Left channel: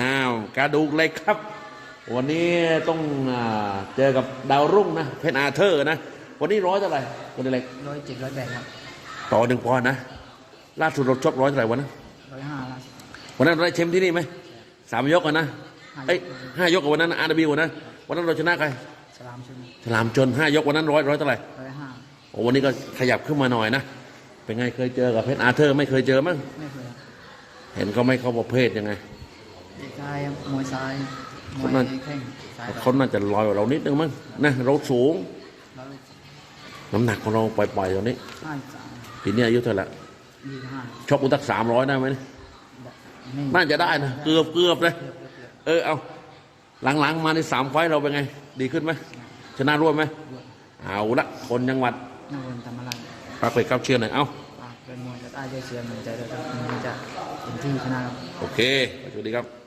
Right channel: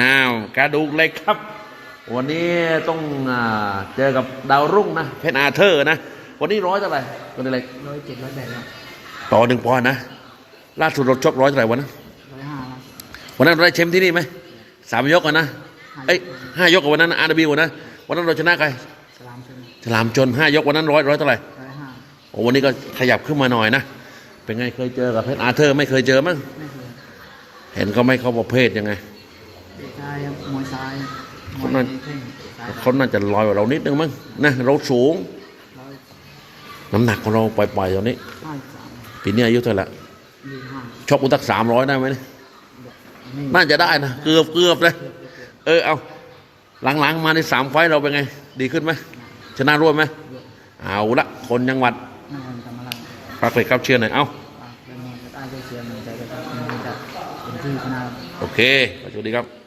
อ้าวกระดูกเหล็กครับ วันนี้ต้องอ่าเจอกับดาวรุ่งนะ เพชรอาเธอร์นะ วันนี้ร้อยเท่าไหร่วันนี้เล็กร้อยเจ็ดร้อยแปดครับต่อหนึ่งปอนด์นะ ล่าสุดเราชกร้อยเท่าไหร่วันนั้นร้อยห้าล่าสุดวันนั้นเราได้แชมป์ที่นี่ไหมสามยกกันนะเอ้ยห้ายกกับวันนั้นอาร์บีวันนะวันนั้นเราชนะใครฉลามชนฉลามจนห้ายกวันนั้นร้อยร้อยเท่าไหร่ร้อยห้าโอ้วันนี้ก็ขยับขึ้นมาหน่อยนะ เป็นไงเคยเจอกับเพชรอาเธอร์ ไม่เคยเจอมั้งไม่เคยครับเห็นก็ไม่เข้าประเภทยังไงเตะซ้ายครับมวยซ้ายมวยนั่นแข้งซ้ายเขาน่าจะลอยกว่าเรานิดนึงมั้งนะเราสูงร้อยน้ำหนักของเราปล่อยๆตอนนี้ห้าสิบสามปีนี้อายุเท่าไหร่ละยี่สิบห้าชกอุตักสามร้อยได้ไหมเนี่ยแบบนี่น่าจะได้นะเกือบเกือบเลยเกือบเกือบเกือบเออเอาหลังๆ มาในสามไฟต์เราเป็นไง ดีขึ้นไหมชนะรวดไหมรวดเอาละคนจังหวัดนครธรรมราชพระเฟรครับเชียร์หน่อยเอ้าฝากเป็นมวยกับใต้ด้วยเชียร์กำลังใจด้วยครับมวยจะเป็นที่ชนะครับโอเคสวัสดีครับ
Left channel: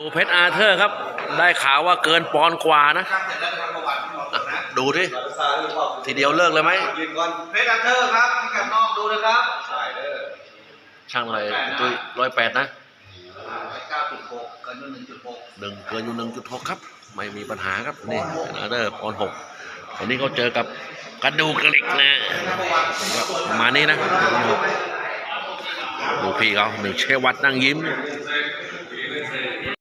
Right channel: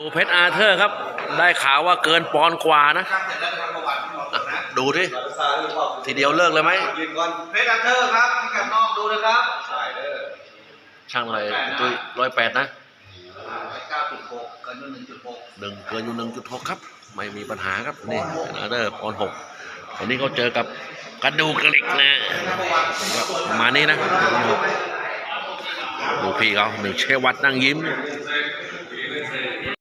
ดูเพชรอาเธอร์ครับ ได้ข่าวว่าเกินปอนด์กว่านะอะดูดิทีเดียวเลิกเลยไหมยืนก่อนเพชรอันเทอร์ครับพิกัดนอกดูนะครับใช่เด้อช่างอะไรตุ้ยร้อยแปดนะเก้าจุดหกเกินหนึ่งจุดหกหนึ่งเกินอยู่หนึ่งจุดหกครับ ไม่มีปัญหาครับนี่อาเธอร์ปอนด์หกวันนี้เขาเจอกับกระดูกเหล็กนะประมาณนี้นะดูพี่เขาหนึ่งเชวัดนั่งยิ้มเ